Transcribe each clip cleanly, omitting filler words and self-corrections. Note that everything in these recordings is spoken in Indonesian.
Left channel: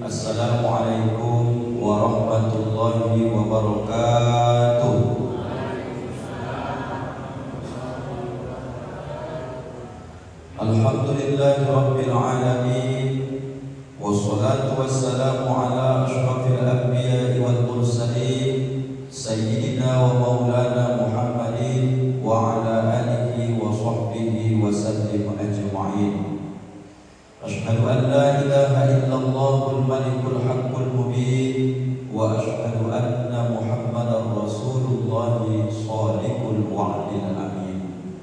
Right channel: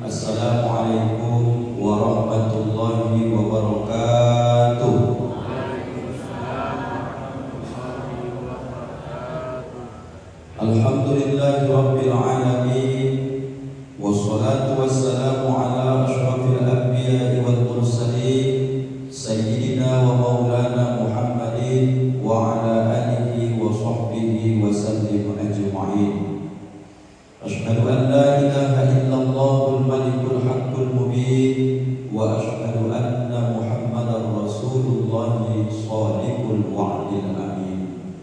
Assalamualaikum warahmatullahi wabarakatuh. Alhamdulillahi rabbil alamin, wassalatu wassalamu ala asyrafil anbiya'i wal mursalin, sayyidina wa maulana Muhammadin wa ala alihi wa sahbihi wa sallim ajma'in. Asyhadu an la ilaha illallahul malikul haqqul mubin wa asyhadu anna Muhammadar rasulullahi shadiqul wa'dil amin.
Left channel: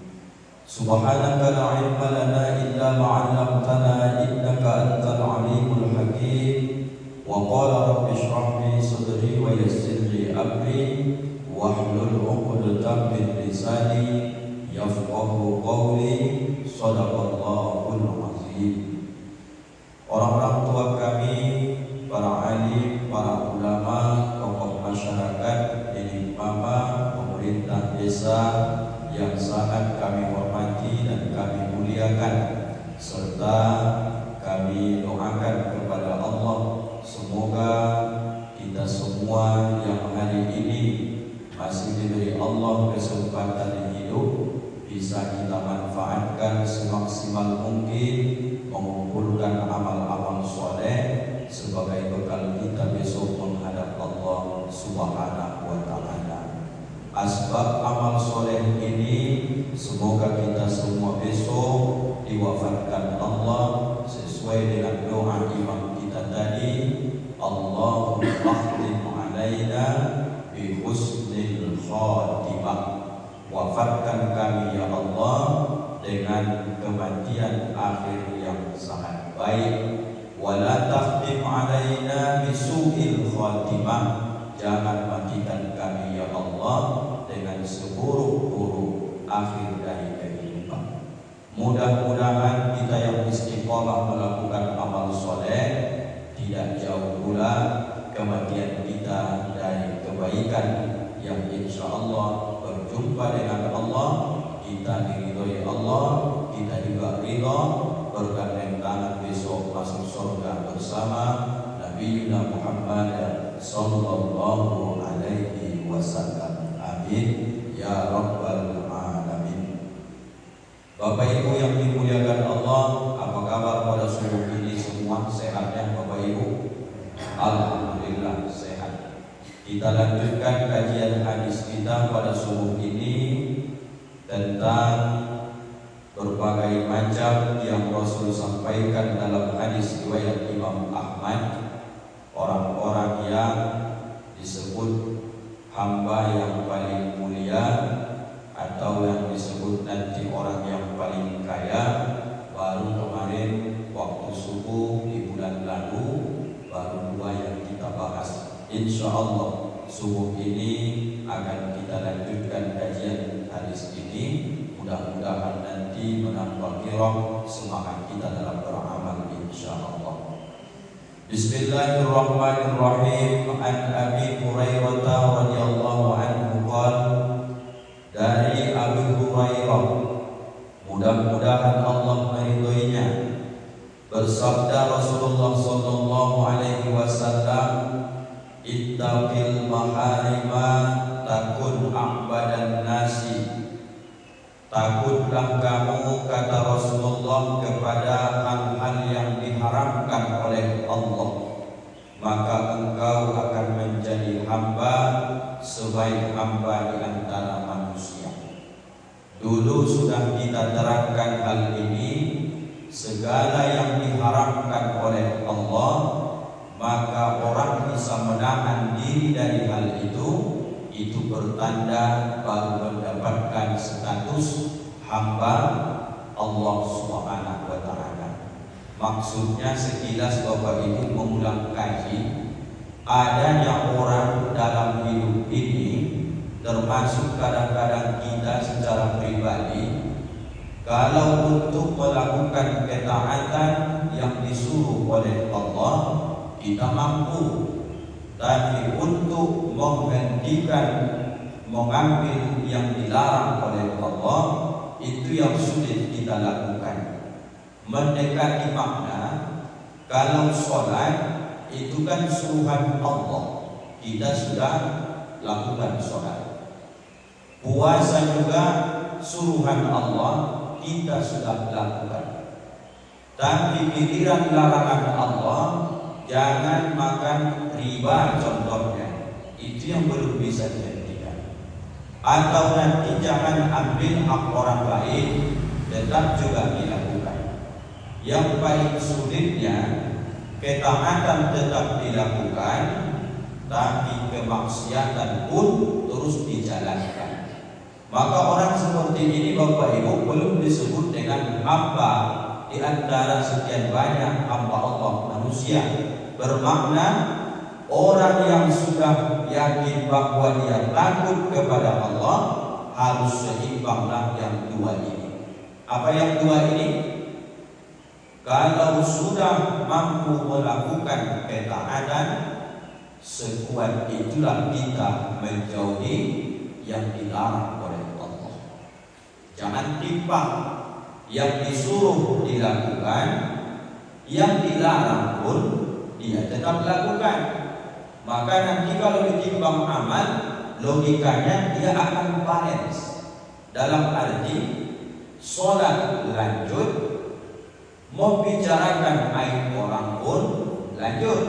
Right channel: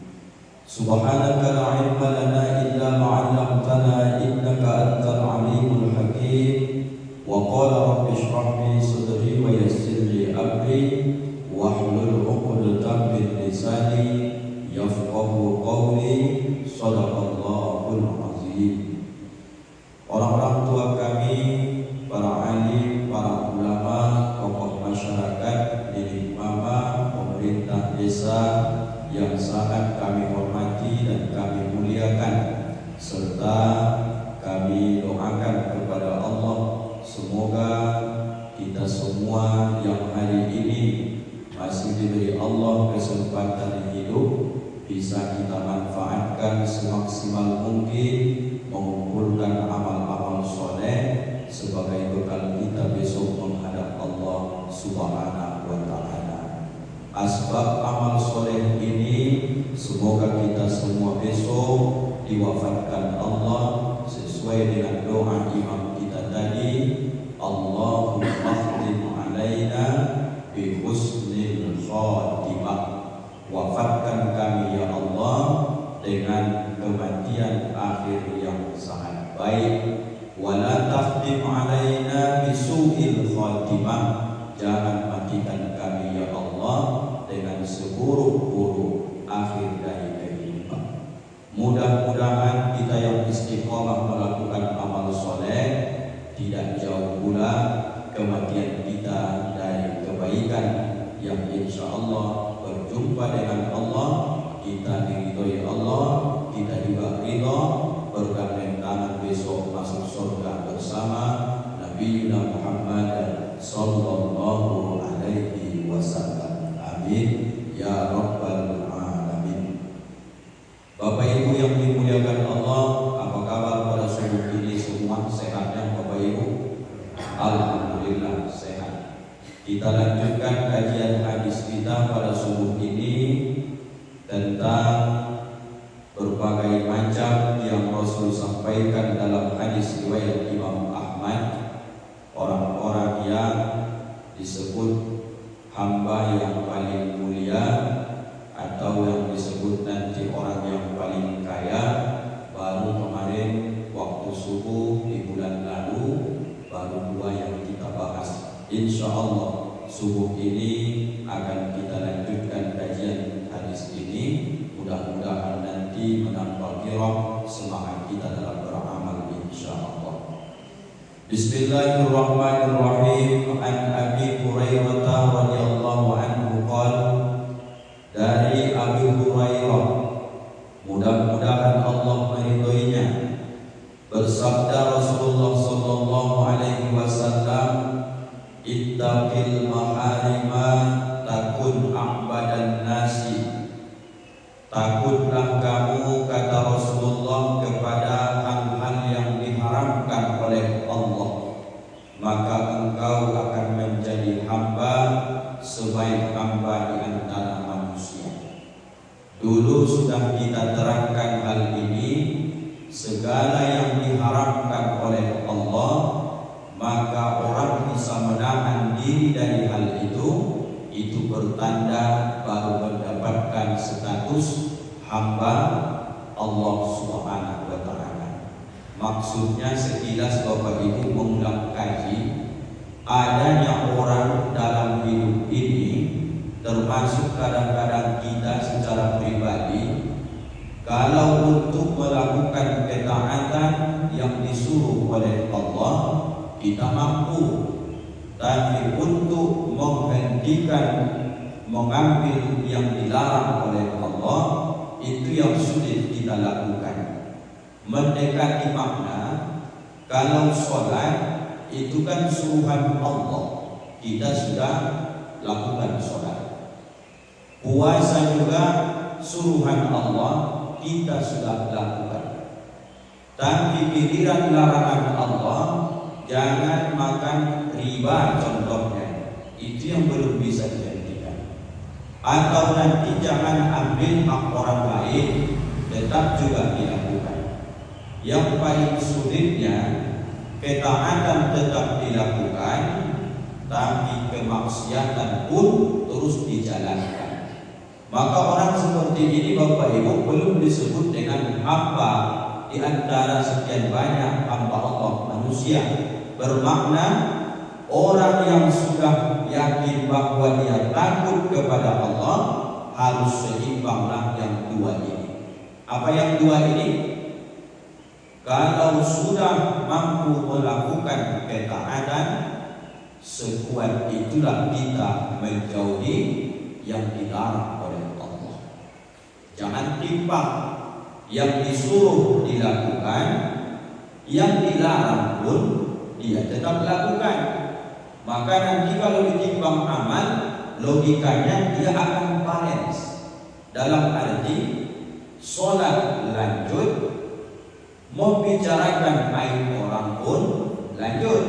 Subhanaka la ilma lana illa ma 'allamtana innaka antal alimul hakim. Wa qala rabbi shrah li sadri wa yassir li amri wahlul 'uqdatam min lisani yafqahu qawli. Shadaqallahul azim. Orang-orang tua kami, para alim, para ulama, tokoh masyarakat, nenek mama, pemerintah desa yang sangat kami hormati dan kami muliakan, serta kami doakan kepada Allah semoga kita semua yang hari ini masih diberi Allah kesempatan hidup bisa kita manfaatkan semaksimal mungkin, mengumpulkan amal-amal soleh sebagai bekal kita besok menghadap Allah Subhanahu wa ta'ala. Asbab amal soleh ini semoga kita semua besok diwafatkan Allah sesuai dengan doa imam kita tadi, Allahumma khtim alaina bi husnil khatimah. Wafatkan kami ya Allah dengan kematian akhir yang sangat baik. Wala takhtim alaina bisu'il khatimah. Jangan matikan kami ya Allah dengan seburuk-buruk akhir dari kehidupan. Mudah-mudahan kita yang istiqomah melakukan amal soleh tidak jauh pula kematian kita dari kebaikan yang insya Allah berjumpa dengan Allah, kita diridhoi Allah, kita juga ridho bergandeng tangan besok masuk surga bersama Nabi Muhammad sallallahu alaihi wasallam. Amin ya rabbal alamin. Bapak Ibu yang dimuliakan Allah, apa kabar pada subuh ini semua? Sehatnya Bapak Ibu? Alhamdulillah sehat. Kita lanjutkan kajian hadis kita pada subuh ini tentang berbagai macam yang Rasul sampaikan dalam hadis riwayat Imam Ahmad. Orang-orang yang disebut hamba yang paling mulia atau yang disebut nanti orang yang paling kaya. Baru kemarin waktu subuh di bulan lalu baru dua yang kita bahas. Insya Allah subuh ini akan kita lanjutkan kajian hadis ini. Mudah-mudahan nanti menambah kirah semangat kita dalam beramal insya Allah. Bismillahirrahmanirrahim. An Abi Hurairah radhiyallahu anhu qala, dari Abi Hurairah, mudah-mudahan Allah meridhoinya, bersabda Rasulullah sallallahu alaihi wasallam, ittaqil maharima takun a'badan nasi. Takutlah kamu, kata Rasulullah, kepada hal-hal yang diharamkan oleh Allah, maka engkau akan menjadi hamba sebaik hamba di antara manusia. Dulu sudah kita terangkan hal ini. Segala yang diharamkan oleh Allah, maka orang bisa menahan diri dari hal itu bertanda baru mendapatkan status hamba Allah Subhanahu wa ta'ala. Maksudnya sekilas Bapak Ibu mengulang kaji, adanya orang dalam hidup ini, termasuk kadang-kadang kita secara pribadi, kalau untuk melakukan ketaatan yang disuruh oleh Allah kita mampu, tapi untuk menghentikan mengambil yang dilarang oleh Allah itu yang sulit kita lakukan. Mendekati makna, kalau sholat itu kan suruhan Allah, kita sudah lakukan sholat. Puasa juga suruhan Allah, kita sudah lakukan. Tapi giliran larangan Allah, jangan makan riba contohnya, itu yang belum bisa dihentikan. Atau nanti jangan ambil hak orang lain, tetap juga dilakukan. Yang paling sulitnya, ketaatan tetap dilakukan, tapi kemaksiatan pun terus dijalankan. Maka orang seperti ini Bapak Ibu belum disebut dengan hamba di antara sekian banyak hamba Allah manusia. Bermakna orang yang sudah yakin bahwa dia takut kepada Allah harus seimbanglah yang dua ini. Apa yang dua ini? Kalau sudah mampu melakukan ketaatan, sekuat itulah kita menjauhi yang dilarang oleh Allah. Jangan timpang, yang disuruh dilakukan, yang dilarang pun dia tetap lakukan. Maka nanti kalau ditimbang amal, logikanya dia akan balance. Dalam arti sholat lanjut, membicarakan aib orang pun lanjut.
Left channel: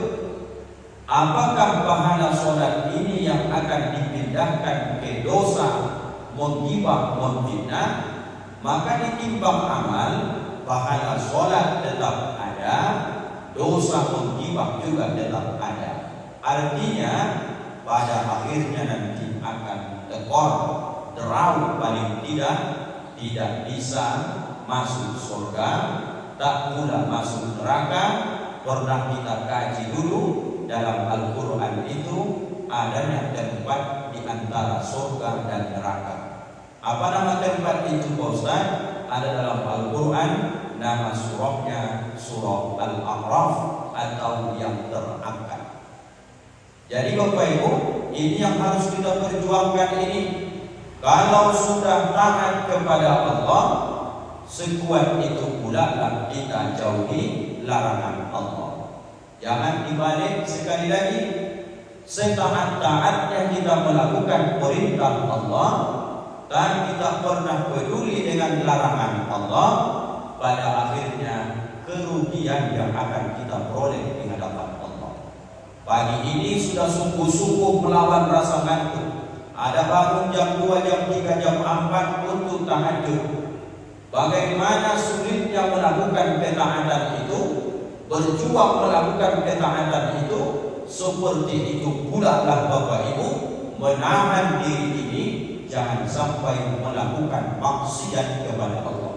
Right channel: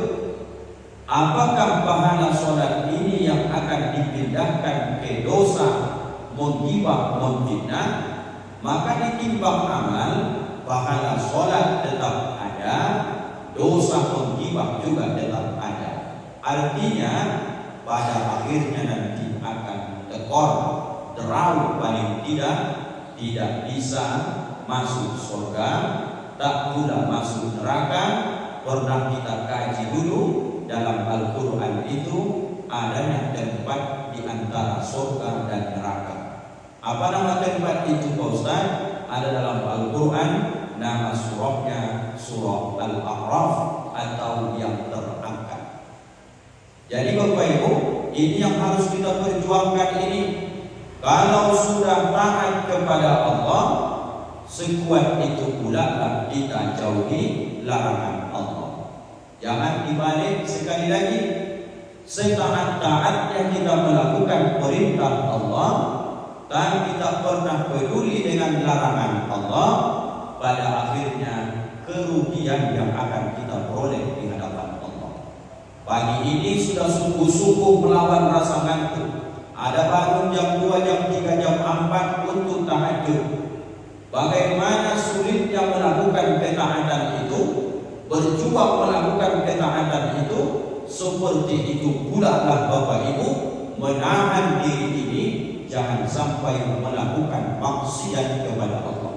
Apakah pahala sholat ini yang akan dipindahkan ke dosa menggibah, memfitnah? Maka ditimbang amal, pahala sholat tetap ada, dosa menggibah juga tetap ada. Artinya pada akhirnya nanti akan tekor, derau paling tidak bisa masuk surga, tak pula masuk neraka. Pernah kita kaji dulu dalam Al-Quran itu adanya tempat di antara surga dan neraka. Apa nama tempat itu Pak Ustaz? Ada dalam Al-Quran, nama surahnya surah Al-A'raf atau yang terangkat. Jadi Bapak Ibu, ini yang harus kita perjuangkan ini. Kalau sudah taat kepada Allah, sekuat itu pula kita jauhi larangan Allah. Jangan dibalik sekali lagi. Setaat-taatnya kita melakukan perintah Allah dan kita pernah peduli dengan larangan Allah, pada akhirnya kerugian yang akan kita peroleh di hadapan Allah. Pagi ini sudah sungguh-sungguh melawan rasa ngantuk. Ada bangun jam 2, jam 3, jam 4 untuk tahajud. Bagaimana sulitnya melakukan ketaatan itu, berjuang melakukan ketaatan itu, seperti itu pula lah Bapak Ibu menahan diri ini jangan sampai melakukan maksiat kepada Allah.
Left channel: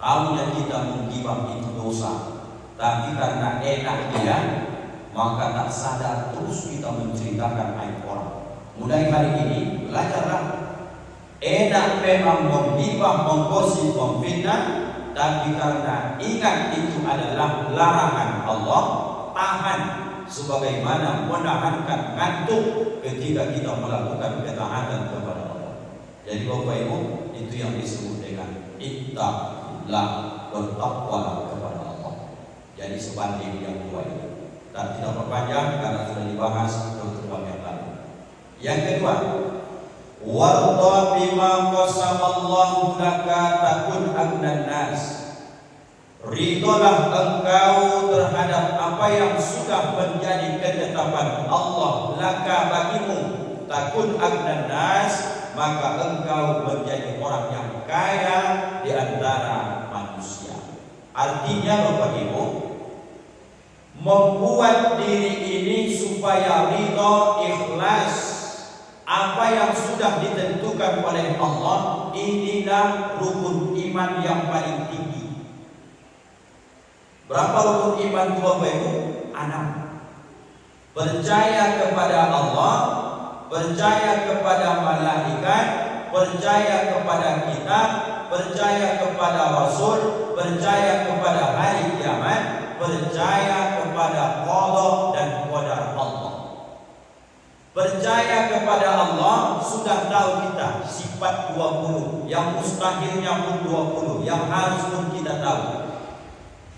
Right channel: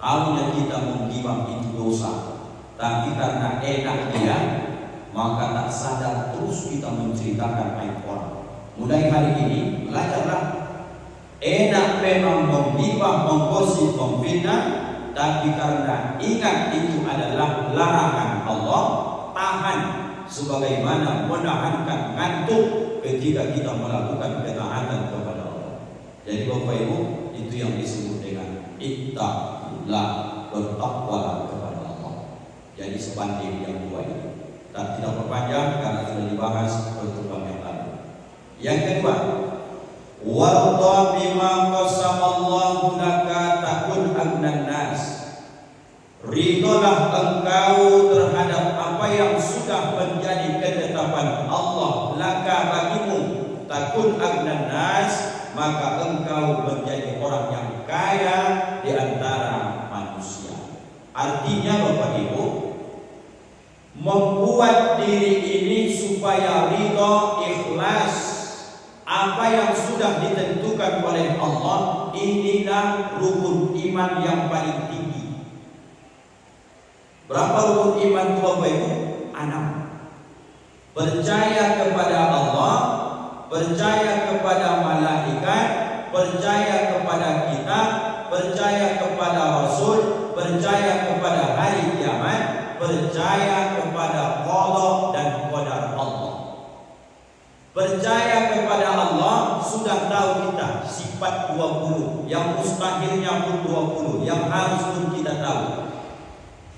Tahunya kita menggibah itu dosa, tapi karena enak dia, maka tak sadar terus kita menceritakan aib orang. Mulai hari ini belajarlah. Enak memang menggibah, menggosip, memfitnah, tapi karena ingat itu adalah larangan Allah, tahan sebagaimana menahankan ngantuk ketika kita melakukan ketaatan kepada Allah. Jadi Bapak Ibu, itu yang disebut dengan ittaqullah, bertakwa kepada Allah. Jadi sebanding yang dua ini. Dan tidak berpanjang karena sudah dibahas pertemuan yang lalu. Yang kedua, warda bima qasamallahu laka takun agnan nas. Ridholah engkau terhadap apa yang sudah menjadi ketetapan Allah laka bagimu, takun agnan nas, maka engkau menjadi orang yang kaya di antara manusia. Artinya Bapak Ibu, membuat diri ini supaya ridho, ikhlas, apa yang sudah ditentukan oleh Allah, inilah rukun iman yang paling tinggi. Berapa rukun iman itu Bapak Ibu? 6. Percaya kepada Allah, percaya kepada malaikat, percaya kepada kitab, percaya kepada Rasul, percaya kepada hari kiamat, percaya kepada qada dan qadar Allah. Percaya kepada Allah, sudah tahu kita sifat 20, yang mustahilnya pun 20, yang harus pun kita tahu.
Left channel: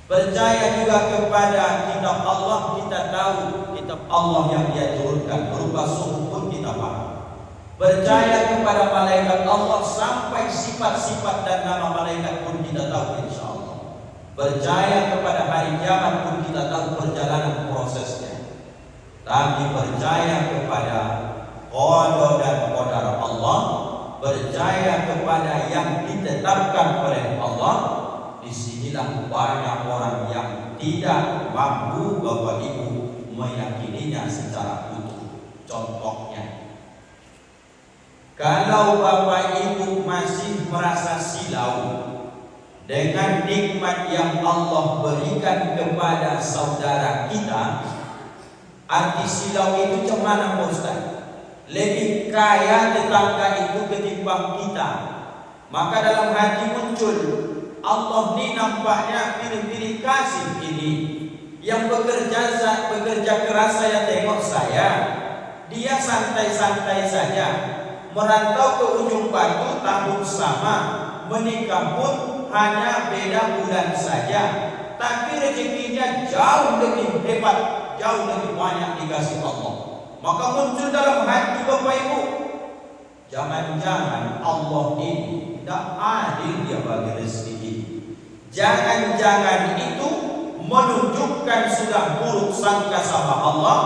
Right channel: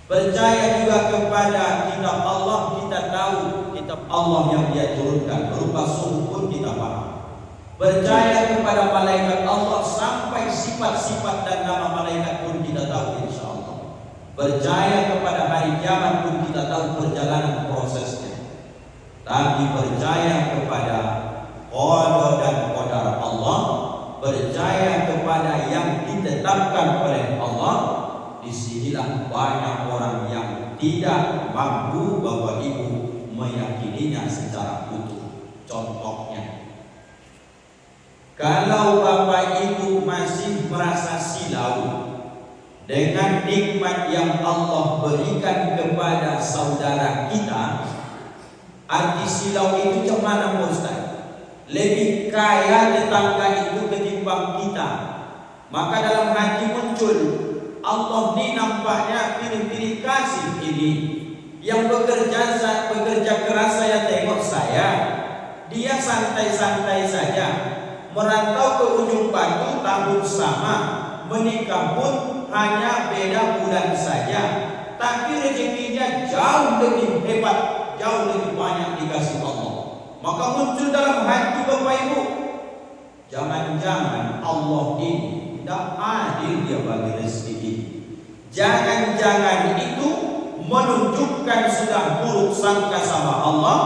Percaya juga kepada kitab Allah, kita Allah yang Dia turunkan berupa suruh pun kita paham. Percaya kepada malaikat Allah sampai sifat-sifat dan nama malaikat pun kita tahu insya Allah. Percaya kepada hari kiamat pun kita tahu perjalanan prosesnya. Tapi percaya kepada qada dan qadar Allah, percaya kepada yang ditetapkan oleh Allah, disinilah banyak orang yang tidak mampu Bapak Ibu meyakininya secara utuh. Contohnya, kalau Bapak Ibu masih merasa silau dengan nikmat yang Allah berikan kepada saudara kita, arti silau itu cemana Ustaz? Lebih kaya tetangga itu ketimbang kita. Maka dalam hati muncul, Allah ni nampaknya pilih-pilih kasih ini. Yang bekerja keras saya tengok saya, dia santai-santai saja. Merantau ke ujung batu tahun sama, menikah pun hanya beda bulan saja. Tapi rezekinya jauh lebih hebat, jauh lebih banyak dikasih Allah. Maka muncul dalam hati Bapak Ibu, jangan-jangan Allah ini tidak adil Dia bagi rezeki ini. Jangan-jangan itu menunjukkan sudah buruk sangka sama Allah.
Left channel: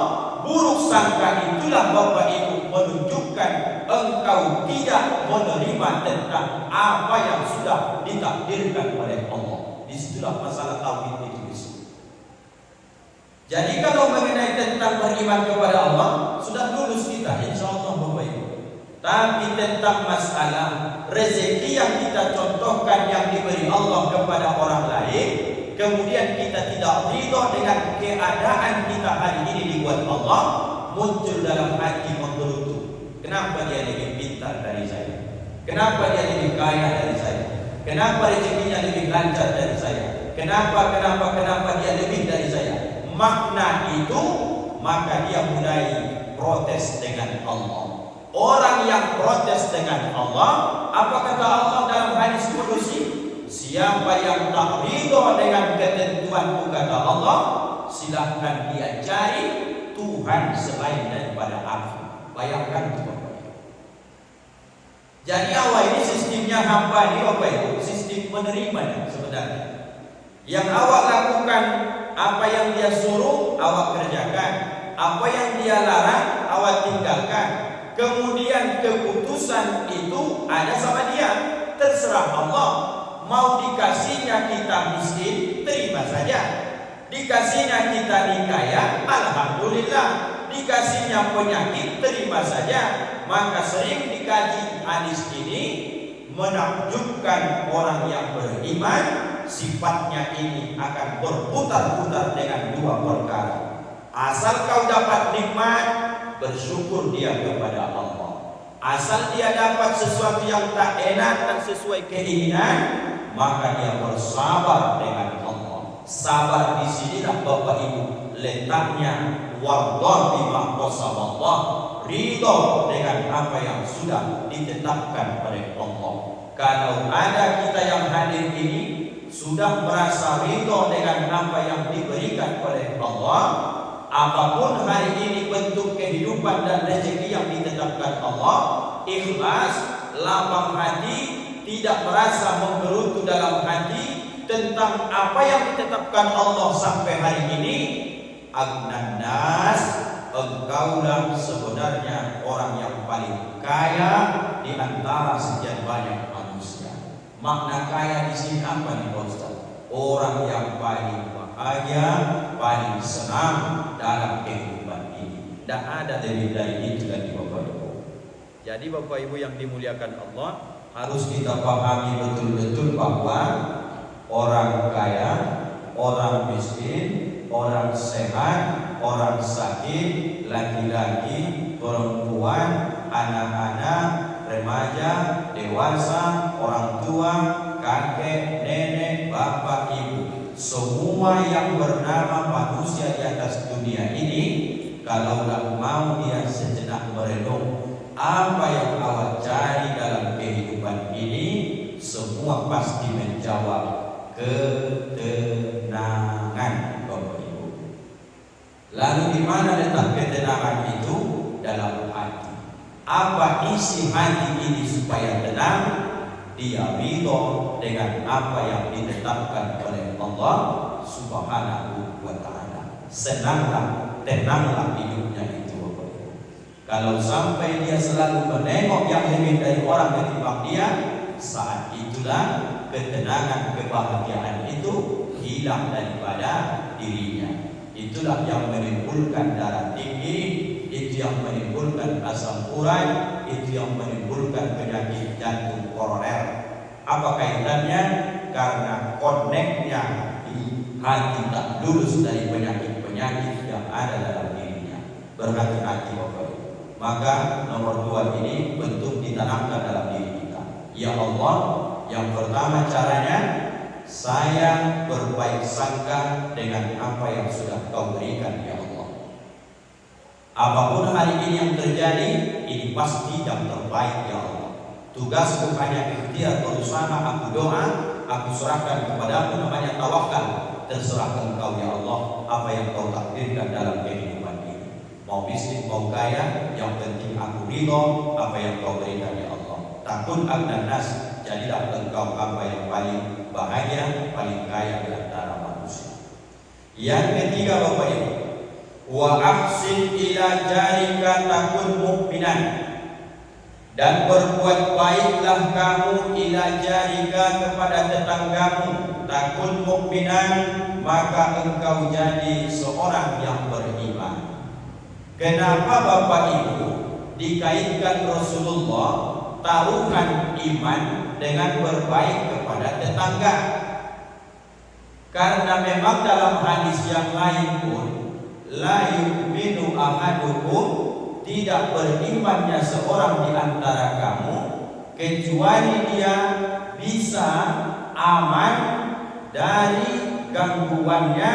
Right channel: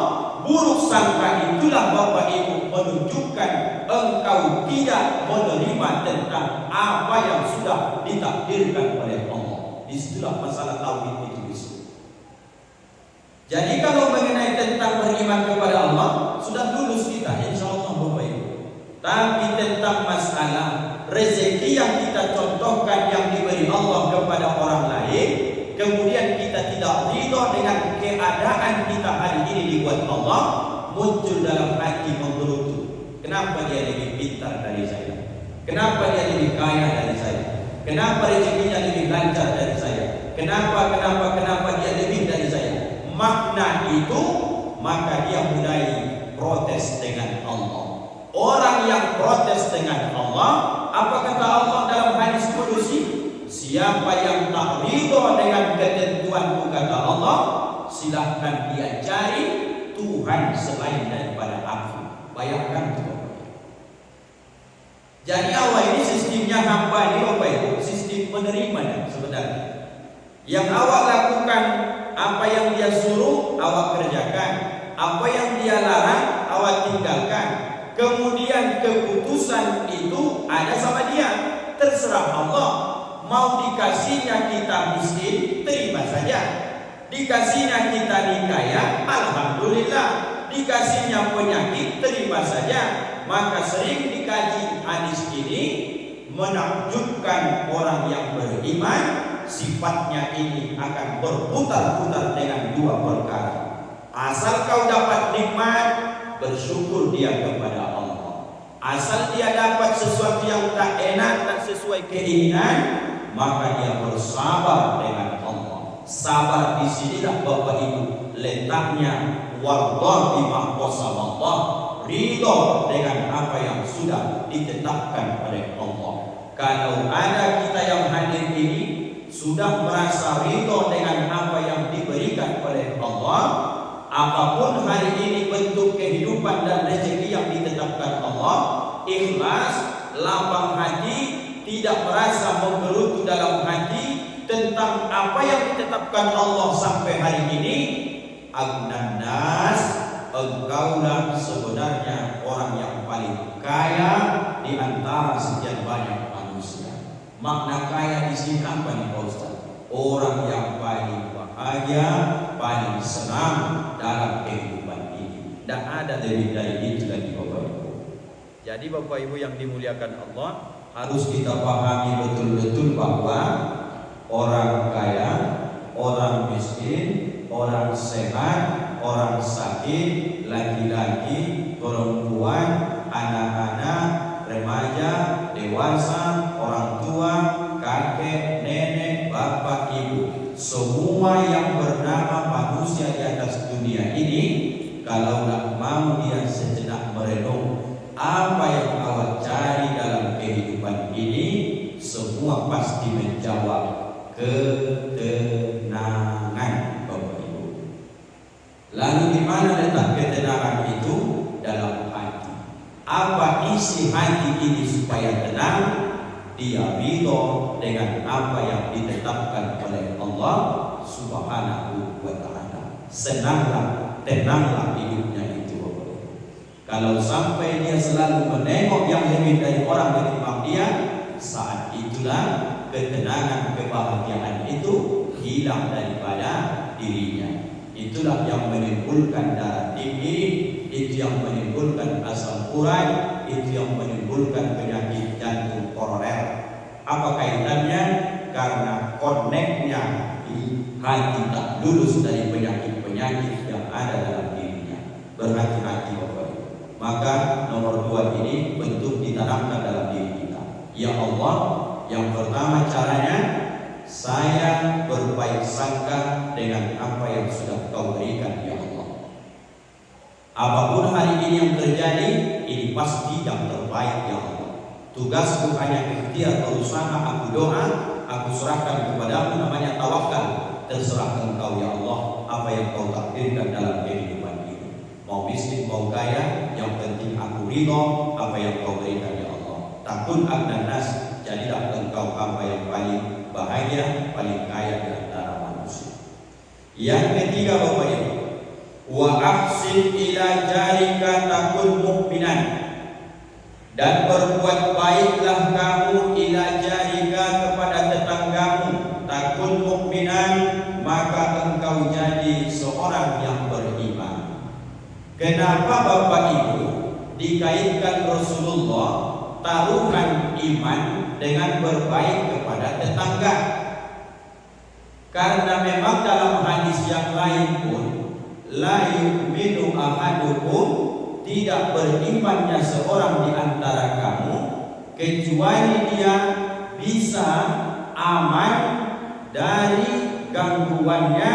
Buruk sangka itulah Bapak Ibu menunjukkan engkau tidak menerima tentang apa yang sudah ditakdirkan oleh Allah. Disitulah masalah tauhid itu disebut. Jadi kalau mengenai tentang beriman kepada Allah, sudah lulus kita insya Allah Bapak Ibu. Tapi tentang masalah rezeki yang kita contohkan yang diberi Allah kepada orang lain, kemudian kita tidak ridho dengan keadaan kita hari ini dibuat Allah, muncul dalam hati menggerutu. Kenapa dia lebih pintar dari saya? Kenapa dia lebih kaya dari saya? Kenapa rezekinya lebih lancar dari saya? Kenapa dia lebih dari saya? Makna itu, maka dia mulai protes dengan Allah. Orang yang protes dengan Allah, apa kata Allah dalam hadis qudsi? Siapa yang tak ridho dengan ketentuanku, kata Allah, silahkan dia cari Tuhan selain daripada aku. Bayangkan itu. Jadi awal ini sistemnya hamba ini Bapak Ibu, sistem menerima sebenarnya. Yang awak lakukan, apa yang dia suruh awak kerjakan, apa yang dia larang awak tinggalkan. Kemudian keputusan itu ada sama dia, terserah Allah. Mau dikasihnya kita miskin, terima saja. Dikasihnya kita nikaya, alhamdulillah. Dikasihnya penyakit, terima saja. Maka sering dikaji hadis ini, menakjubkan orang yang beriman, sifatnya ini akan berputar-putar dengan dua perkara. Asal kau dapat nikmat, bersyukur dia kepada Allah. Asal dia dapat sesuatu yang tak enak, tak sesuai keinginan, maka dia bersabar dengan Allah. Sabar di sinilah Bapak Ibu letaknya, wallah bima qasamallah, ridho dengan apa yang sudah ditetapkan oleh Allah. Kalau ada kita yang hadir ini sudah merasa ridho dengan apa yang diberikan oleh Allah, apapun hari ini bentuk kehidupan dan rezeki yang ditetapkan Allah, ikhlas, lapang hati, tidak merasa menggerutu dalam hati tentang apa yang ditetapkan Allah sampai hari ini, agnan nas, engkaulah sebenarnya orang yang paling kaya di antara sekian banyak manusia. Makna kaya di sini apa nih Pak Ustaz? Orang yang paling bahagia, paling senang dalam kehidupan ini. Tidak ada lebih dari itu lagi Bapak Ibu. Jadi Bapak Ibu yang dimuliakan Allah, harus kita pahami betul-betul bahwa orang kaya, orang miskin, orang sehat, orang sakit, laki-laki, perempuan, anak-anak, remaja, dewasa, orang tua, kakek, nenek, bapak, ibu, semua yang bernama manusia di atas dunia ini, kalaulah mau dia sejenak merenung apa yang awak cari dalam kehidupan ini, semua pasti menjawab ketenangan Bapak Ibu. Lalu di mana letak ketenangan itu dalam hati. Apa isi hati ini supaya tenang? Dia ridho dengan apa yang ditetapkan oleh Allah Subhanahu wa ta'ala. Senanglah, tenanglah hidupnya itu. Kalau sampai dia selalu menengok yang lebih dari orang ketimbang dia, saat itulah ketenangan, kebahagiaan itu hilang daripada dirinya. Itulah yang menimbulkan darah tinggi, itu yang menimbulkan asam urat, itu yang menimbulkan penyakit jantung koroner. Apa kaitannya? Karena koneknya hati tak lulus dari penyakit-penyakit yang ada dalam dirinya. Berhati-hati Bapak. Maka nomor 2 ini bentuk ditanamkan dalam diri kita. Ya Allah, yang pertama caranya saya berbaik sangka dengan apa yang sudah Kau berikan ya Allah. Apapun hari ini yang terjadi, ini pasti yang terbaik ya Allah. Tugasku hanya ikhtiar, berusaha, aku doa, aku serahkan kepadamu, namanya tawakal. Terserah Engkau ya Allah, apa yang Kau takdirkan dalam kehidupan ini. Mau miskin, mau kaya, yang penting aku ridho apa yang Kau berikan ya Allah. Takun agnan nas, jadilah Engkau apa yang paling bahagia, paling kaya di antara manusia. Yang ketiga Bapak Ibu, wa ahsin ila jarika takun mu'minan, dan berbuat baiklah kamu ila jarika kepada tetanggamu, takun mu'minan, maka engkau jadi seorang yang beriman. Kenapa Bapak Ibu dikaitkan Rasulullah taruhan iman dengan berbaik kepada tetangga? Karena memang dalam hadis yang lain pun, la yu'minu ahadukum, tidak berimannya seorang di antara kamu kecuali dia bisa aman dari gangguannya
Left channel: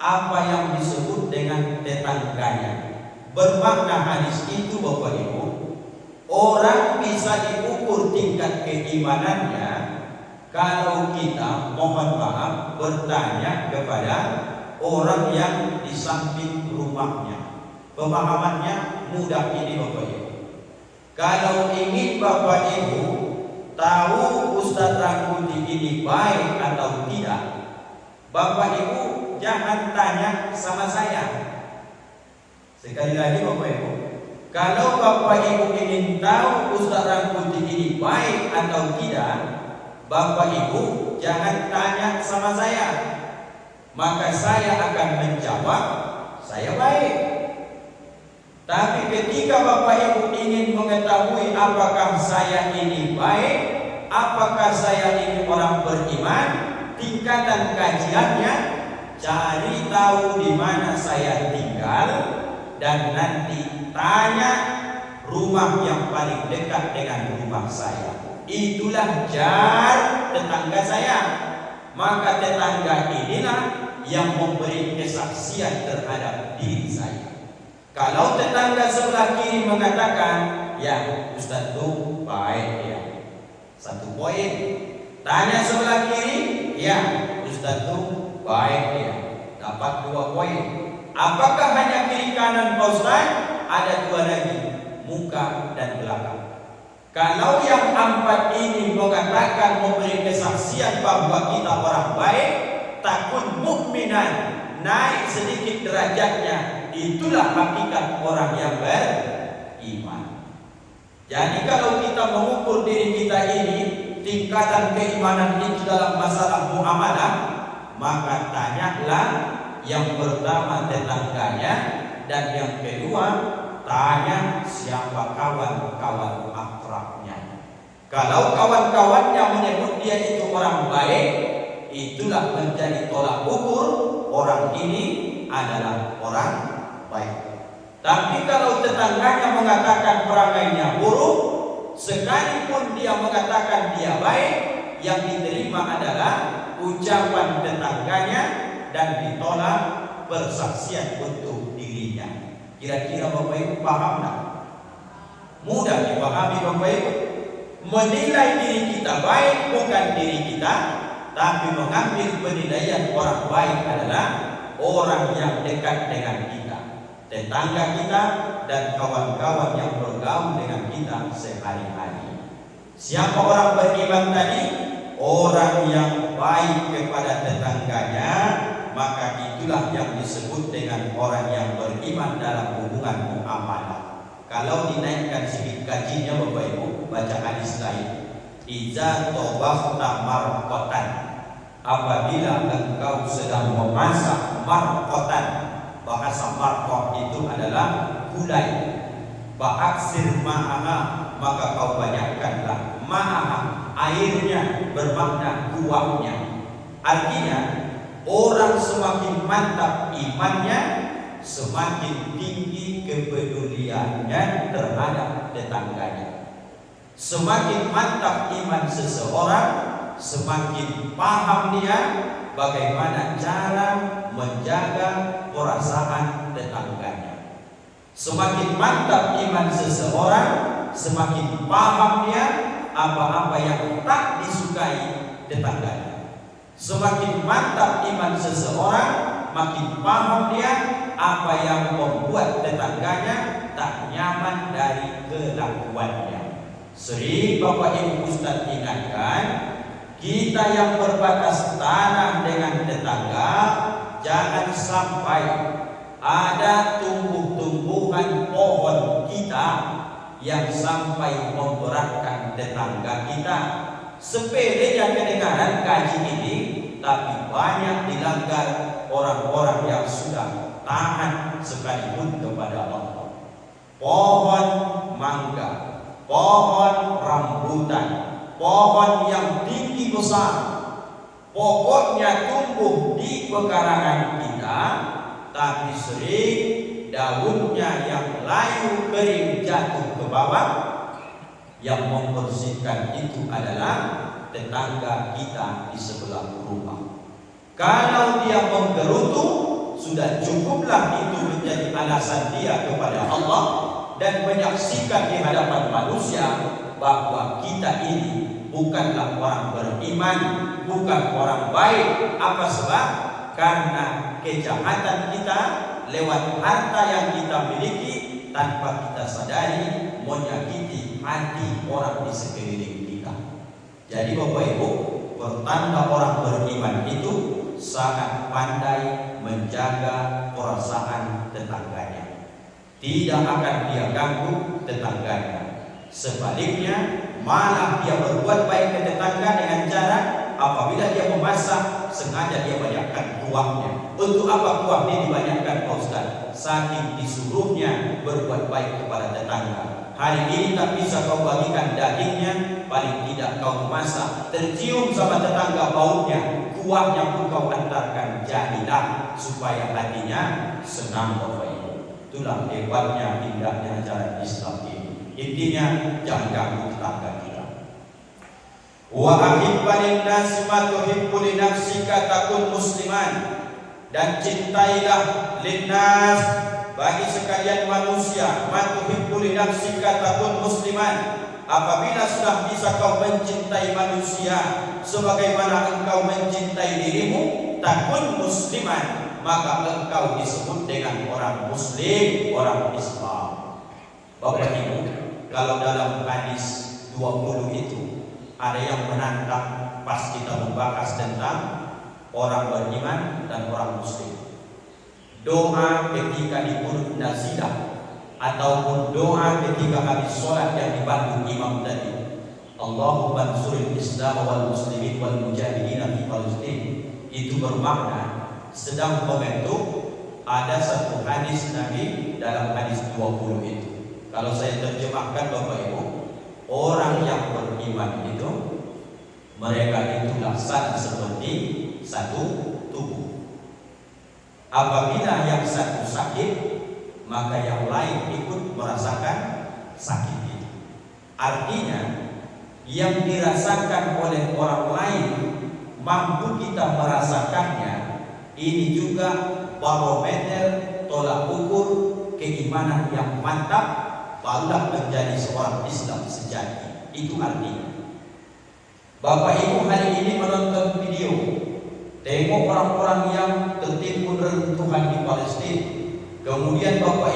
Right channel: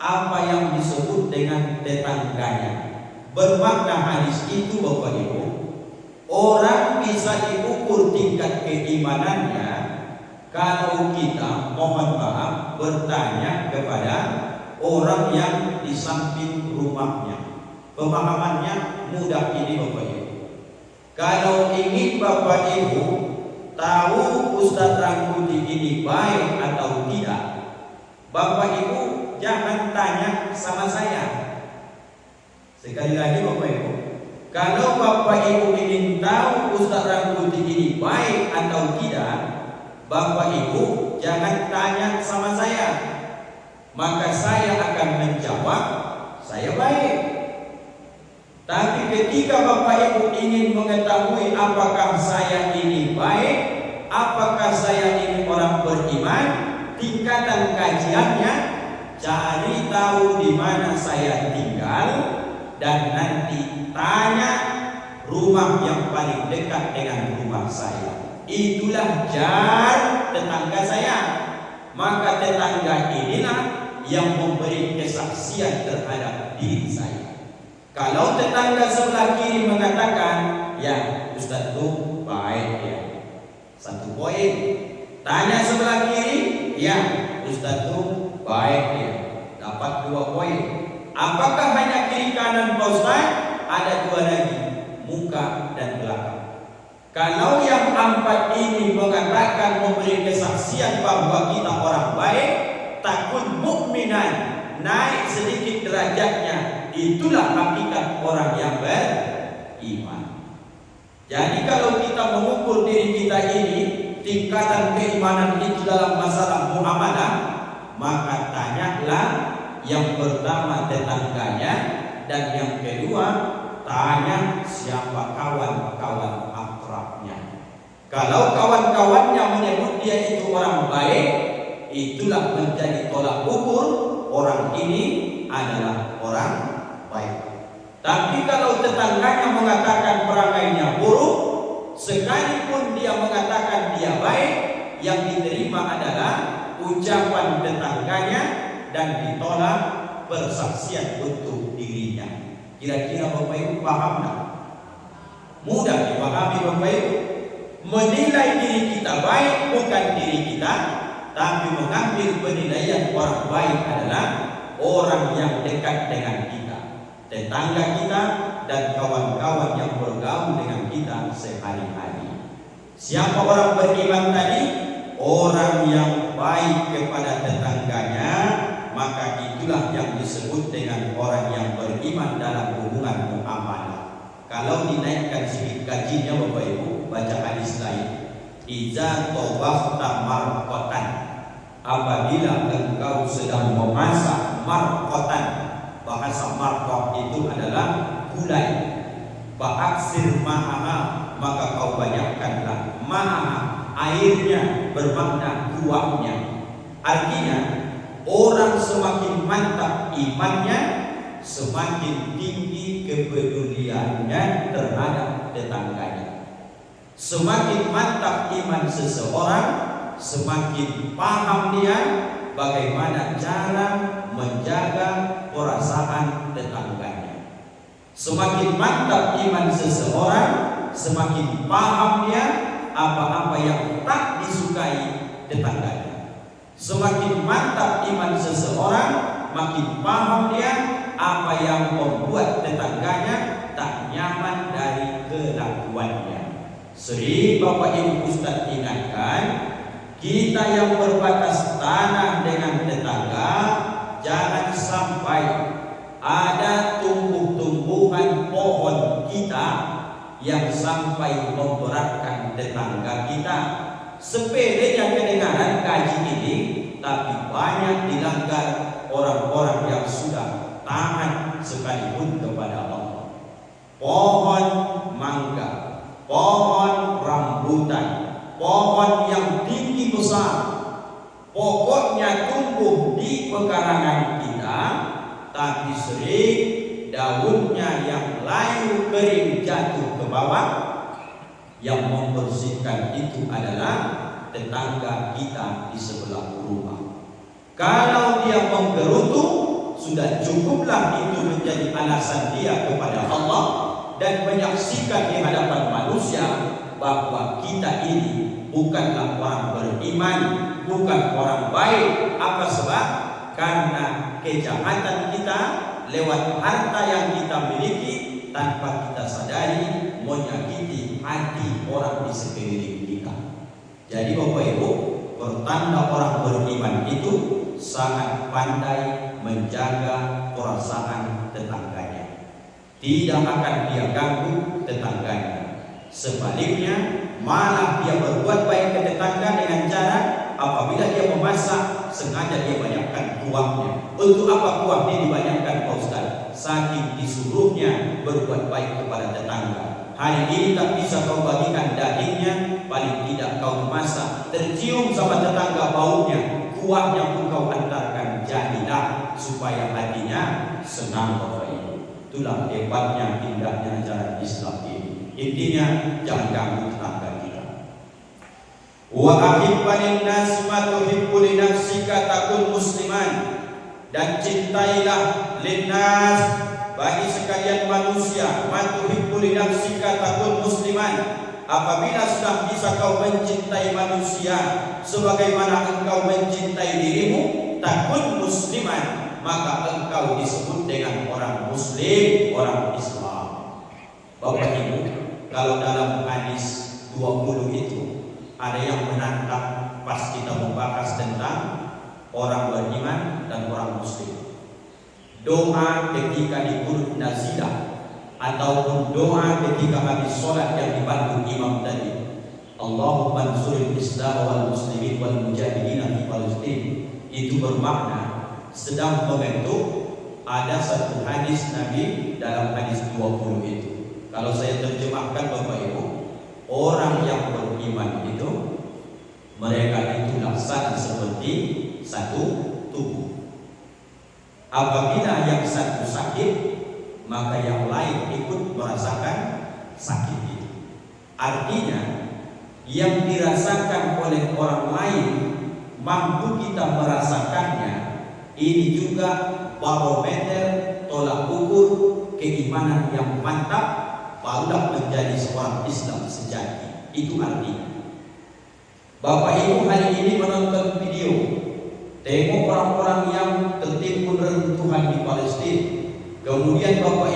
apa yang disebut dengan tetangganya. Bermakna hadis itu Bapak Ibu, orang bisa diukur tingkat keimanannya kalau kita, mohon maaf, bertanya kepada orang yang di samping rumahnya. Pemahamannya mudah ini Bapak Ibu. Kalau ingin Bapak Ibu tahu Ustaz Rangkuti ini baik atau tidak, Bapak Ibu jangan tanya sama saya. Sekali lagi Bapak Ibu, kalau Bapak Ibu ingin tahu Ustaz Rangkuti ini baik atau tidak, Bapak Ibu jangan tanya sama saya. Maka saya akan menjawab, saya baik. Tapi ketika Bapak Ibu ingin mengetahui apakah saya ini baik, apakah saya ini orang beriman, tingkatan kajiannya, cari tahu di mana saya tinggal, dan nanti tanya rumah yang paling dekat dengan rumah saya. Itulah jar tetangga saya. Maka tetangga inilah yang memberi kesaksian terhadap diri saya. Kalau tetangga sebelah kiri mengatakan, ya Ustaz itu baik ya, 1 poin. Tanya sebelah kiri, ya Ustaz itu baik ya, dapat 2 poin. Apakah hanya kiri kanan Pak Ustaz? Ada 2 lagi, muka dan belakang. Kalau yang 4 ini mengatakan, memberi kesaksian bahwa kita orang baik, takun mukminan, naik sedikit derajatnya, itulah hakikat orang yang beriman. Jadi kalau kita mengukur diri kita ini, tingkatan keimanan itu dalam masalah muamalah, maka tanyalah yang pertama tetangganya, dan yang kedua tanya siapa kawan-kawan akrabnya. Kalau kawan-kawannya menyebut dia itu orang baik, itulah menjadi tolak ukur orang ini adalah orang baik. Tapi kalau tetangganya mengatakan perangainya buruk, sekalipun dia mengatakan dia baik, yang diterima adalah ucapan tetangganya dan ditolak persaksian untuk dirinya. Kira-kira Bapak Ibu paham tak? Mudah dipahami Bapak Ibu. Menilai diri kita baik bukan diri kita, tapi mengambil penilaian orang baik adalah orang yang dekat dengan kita. tetangga kita, dan kawan-kawan yang bergaul dengan kita sehari-hari. Siapa orang beriman tadi? Orang yang baik kepada tetangganya, maka itulah yang disebut dengan orang yang beriman dalam hubungan muamalah. Kalau dinaikkan sedikit gajinya Bapak Ibu, baca hadis lain. Iza tobafta marqatan, apabila engkau sedang memasak marqatan. Bahasa marqah itu adalah gulai. Fa'aksir ma'aha, maka kau banyakkanlah ma'aha, airnya, bermakna kuahnya. Artinya orang semakin mantap imannya, semakin tinggi kepeduliannya terhadap tetangganya. Semakin mantap iman seseorang, semakin paham dia bagaimana cara menjaga perasaan tetangganya. Semakin mantap iman seseorang, semakin paham dia apa-apa yang tak disukai tetangganya. Semakin mantap iman seseorang, makin paham dia apa yang membuat tetangganya tak nyaman dari kelakuannya. Sering Bapak Ibu Ustaz ingatkan, kita yang berbatas tanah dengan tetangga, jangan sampai ada tumbuh-tumbuhan pohon kita yang sampai memberatkan tetangga kita. Sepelenya kedengaran gaji ini, tapi banyak dilanggar orang-orang yang sudah taat sekalipun kepada Allah. Pohon mangga, pohon rambutan, pohon yang tinggi besar, pokoknya tumbuh di pekarangan kita, tapi sering daunnya yang layu kering jatuh ke bawah. Yang membersihkan itu adalah tetangga kita di sebelah rumah. Kalau dia menggerutu, sudah cukuplah itu menjadi alasan dia kepada Allah dan menyaksikan di hadapan manusia bahwa kita ini bukanlah orang beriman, bukan orang baik. Apa sebab? Karena kejahatan kita lewat harta yang kita miliki tanpa kita sadari menyakiti hati orang di sekeliling kita. Jadi Bapak Ibu, pertanda orang beriman itu sangat pandai menjaga perasaan tetangganya. Tidak akan dia ganggu tetangganya. Sebaliknya, malah dia berbuat baik ke tetangga dengan cara apabila dia memasak, sengaja dia banyakkan kuahnya. Untuk apa kuah ini dibanyakkan Pak Ustaz? Saking disuruhnya berbuat baik kepada tetangga. Hari ini tak bisa kau bagikan dagingnya, paling tidak kau memasak, tercium sama tetangga baunya, kuahnya pun kau antarkan, jadilah supaya hatinya senang Bapak Ibu. Itulah hebatnya indahnya ajaran Islam ini. Intinya jangan ganggu tetangga kita. Wa ahibbanin nas ma tuhibbu li nafsika takun musliman. Dan cintailah linnas, bagi sekalian manusia, ma tuhibbu li nafsika takun musliman. Apabila sudah bisa kau mencintai manusia sebagaimana engkau mencintai dirimu, takun musliman, maka engkau disebut dengan orang muslim, orang Islam. Bapak Ibu, kalau dalam hadis 20 itu ada yang menantang pas kita membahas tentang orang beriman dan orang muslim. Doa ketika dikurut nazilah ataupun doa ketika habis sholat yang dibantu imam tadi, Allahumma ansuril Islam wal muslimin wal mujahidin fi Palestin, itu bermakna sedang membentuk. Ada satu hadis Nabi dalam hadis 20 itu. Kalau saya terjemahkan Bapak Ibu, orang yang beriman itu mereka itu laksana seperti satu tubuh. Apabila yang satu sakit, maka yang lain ikut merasakan sakit itu. Artinya yang dirasakan oleh orang lain mampu kita merasakannya. Ini juga barometer tolak ukur keimanan yang mantap, barulah menjadi seorang Islam sejati. Itu artinya. Bapak Ibu hari ini menonton video, tengok orang-orang yang tertimbun reruntuhan di Palestina. Kemudian Bapak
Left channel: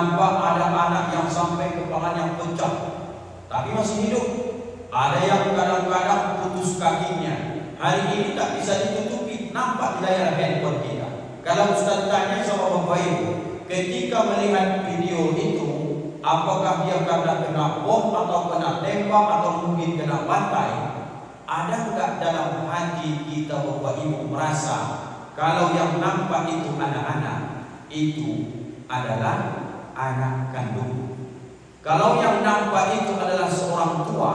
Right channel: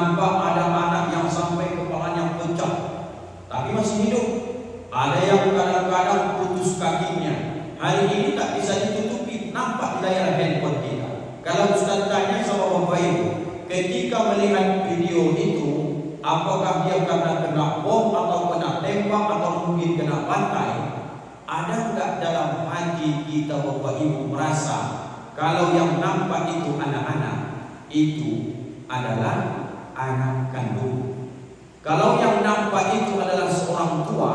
nampak ada anak yang sampai kepalanya pecah tapi masih hidup. Ada yang kadang-kadang putus kakinya. Hari ini tak bisa ditutupi, nampak di layar handphone kita. Kalau Ustaz tanya sama Bapak Ibu, ketika melihat video itu, apakah dia karena kena bom atau kena tembak atau mungkin kena pantai? Ada enggak dalam hati kita Bapak Ibu merasa kalau yang nampak itu anak-anak itu adalah anak kandung? Kalau yang nampak itu adalah seorang tua,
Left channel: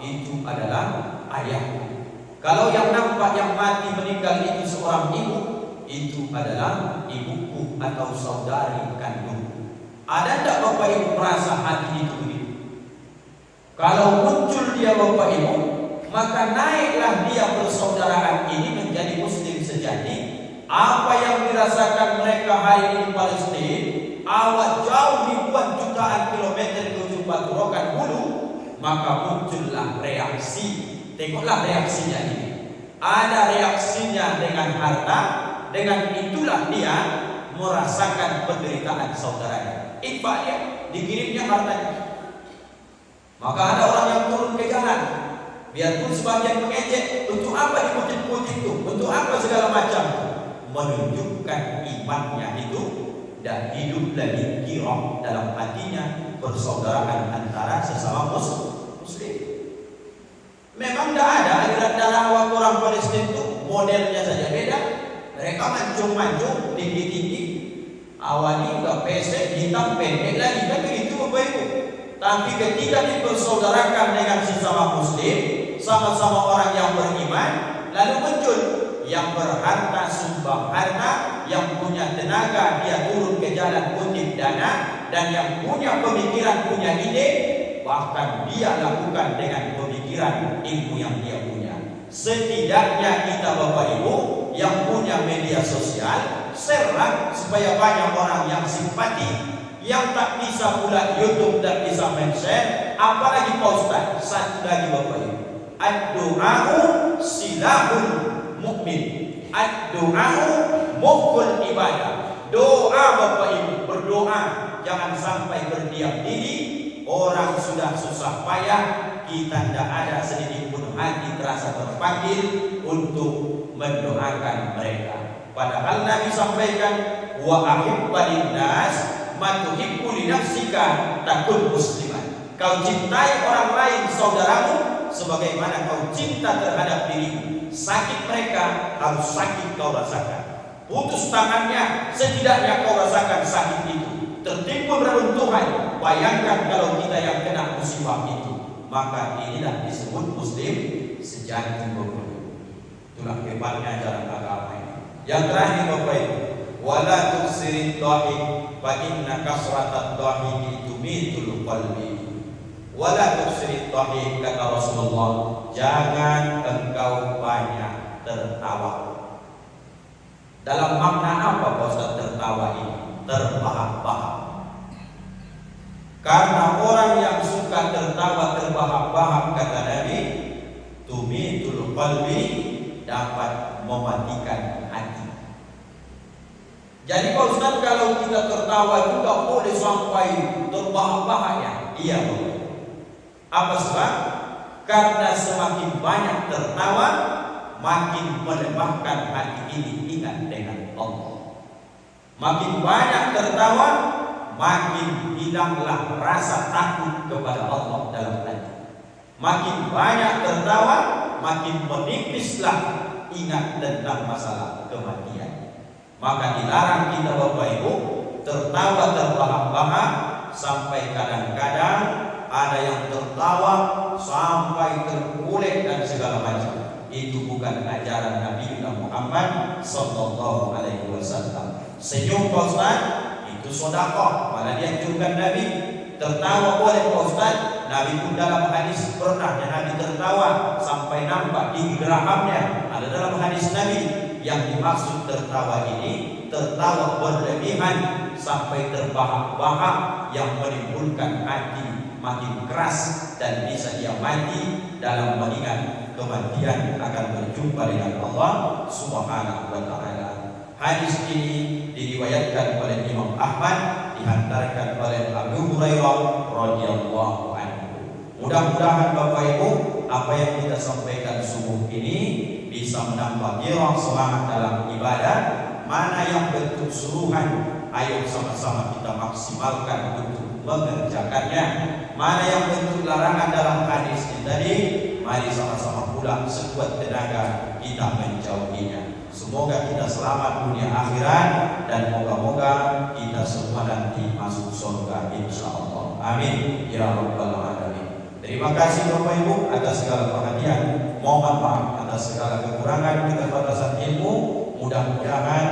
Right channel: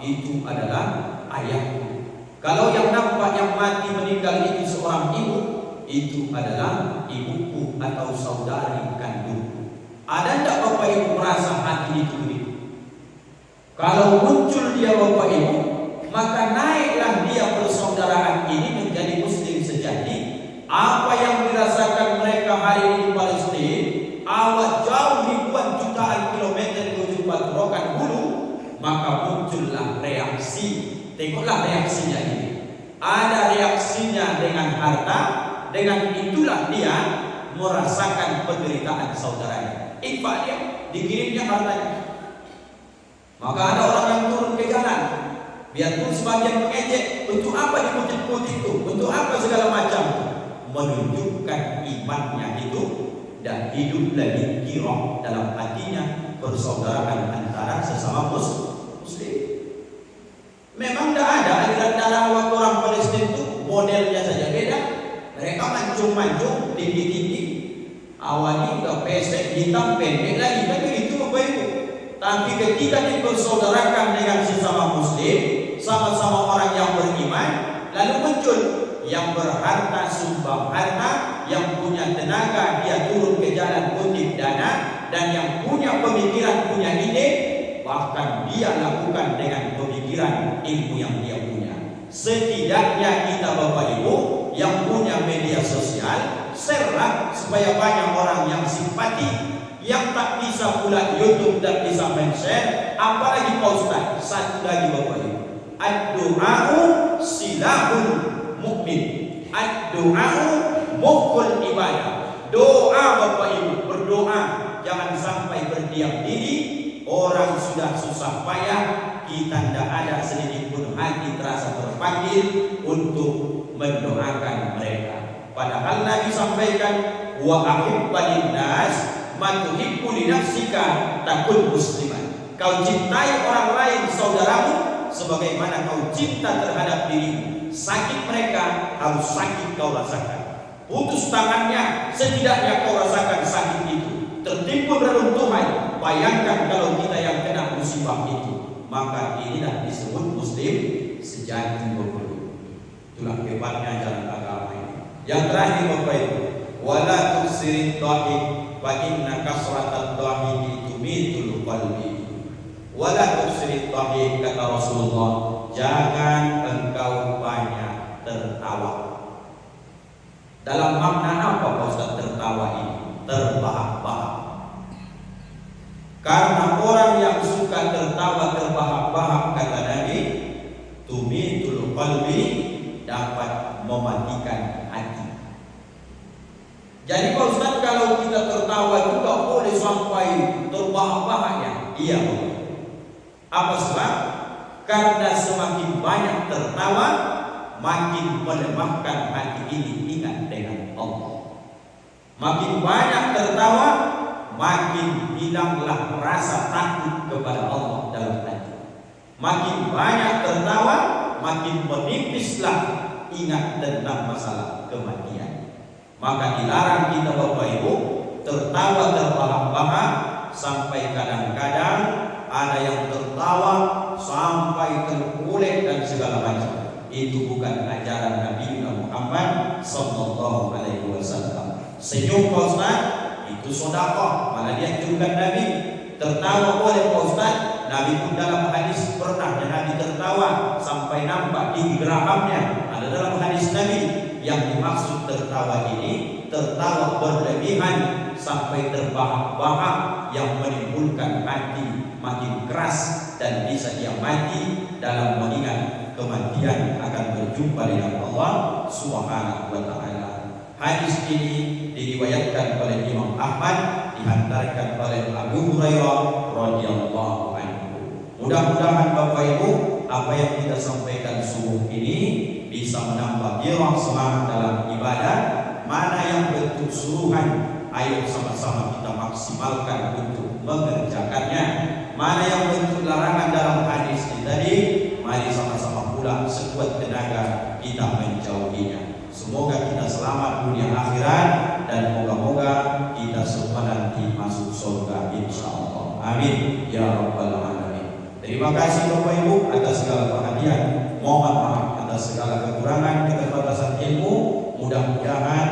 itu adalah ayahku. Kalau yang nampak yang mati meninggal itu seorang ibu, itu adalah ibuku atau saudari kandungku. Ada tidak Bapak Ibu merasa hati itu begitu? Kalau muncul dia Bapak Ibu, maka naiklah dia persaudaraan ini menjadi muslim sejati. Apa yang dirasakan mereka hari ini di Palestina, awal jauh ribuan jutaan kilometer ke ujung batu rokan hulu, maka muncullah reaksi. Tengoklah reaksinya ini. Ada reaksinya dengan harta, dengan itulah dia merasakan penderitaan saudaranya. Infak dia, dikirimnya hartanya. Maka ada orang yang turun ke jalan, biarpun sebagian mengejek, untuk apa dikutip-kutip itu, untuk apa segala macam, menunjukkan imannya itu dan hidup lagi kirah dalam hatinya persaudaraan antara sesama muslim. Memang tidak ada aliran darah waktu orang Palestina itu, modelnya saja beda. Mereka mancung-mancung, tinggi-tinggi, awalnya udah pesek, hitam, pendek lagi, kan begitu Bapak Ibu. Tapi ketika dipersaudarakan dengan sesama muslim, sama-sama orang yang beriman, lalu muncul yang berharta sumbang harta, yang punya tenaga dia turun ke jalan kutip dana, dan yang punya pemikiran, punya ide, bahkan dia lakukan dengan pemikiran ilmu yang dia punya. Setidaknya kita Bapak Ibu yang punya media sosial, share-lah supaya banyak orang yang simpati. Yang tak bisa pula YouTube dan bisa men-share, apalagi Pak Ustaz. Satu lagi Bapak Ibu, ad-du'a'u silahul mu'min, ad-du'a'u mukul ibadah. Doa Bapak Ibu, berdoa, jangan sampai berdiam diri. Orang sudah susah payah, kita tidak ada sedikit pun hati terasa terpanggil untuk mendoakan mereka. Padahal Nabi sampaikan, wa ahibbalin nas matuhibbu li nafsika takun musliman. Kau cintai orang lain saudaramu sebagaimana kau cinta terhadap dirimu. Sakit mereka harus sakit kau rasakan. Putus tangannya setidaknya kau rasakan sakit itu. Tertimbun reruntuhan, bayangkan kalau kita yang kena musibah itu. Maka inilah disebut muslim sejati Bapak Ibu. Itulah hebatnya jalan agama ini. Yang terakhir Bapak Ibu, wala tuksirid dhahik fa inna kasratad dhahiki tumitul qalbi. Wala tuksirid dhahik, kata Rasulullah, jangan engkau banyak tertawa. Dalam makna apa Pak Ustaz tertawa ini? Terbahak-bahak. Karena orang yang suka tertawa terbahak-bahak, kata Nabi, tumitul qalbi, dapat mematikan hati. Jadi Pak Ustaz, kalau kita tertawa juga boleh sampai terbahak-bahak ya? Iya. Apa sebab? Karena semakin banyak tertawa, makin melemahkan hati ini ingat dengan Allah. Makin banyak tertawa, makin hilanglah rasa takut kepada Allah dalam hati. Makin banyak tertawa, makin menipislah ingat tentang masalah kematian. Maka dilarang kita Bapak Ibu tertawa terbahak-bahak, sampai kadang-kadang ada yang tertawa sampai terkulek dan segala macam. Itu bukan ajaran Nabi Muhammad sallallahu alaihi wasallam. Senyum Pak Ustaz itu sedekah, malah dianjurkan Nabi. Tertawa boleh Pak Ustaz. Nabi pun dalam hadis pernah Nabi tertawa sampai nampak di gerahamnya. Ada dalam hadis Nabi. Yang dimaksud tertawa ini, tertawa berlebihan sampai terbahak-bahak yang menimbulkan hati makin keras dan bisa dia mati dalam mengingat kematian akan berjumpa dengan Allah Subhanahu wa taala. Hadis ini diriwayatkan oleh Imam Ahmad, dihantarkan oleh menambah gairah semangat dalam ibadah, mana yang bentuk suruhan, ayo sama-sama kita maksimalkan untuk mengerjakannya. Mana yang bentuk larangan dalam hadis ini tadi, mari sama-sama pula sekuat tenaga kita menjauhinya. Semoga kita selamat dunia akhirat dan moga-moga kita semua nanti masuk surga insyaallah. Amin ya rabbal alamin. Terima kasih Bapak Ibu atas segala perhatian. Mohon maaf atas segala kekurangan, keterbatasan ilmu. Mudah-mudahan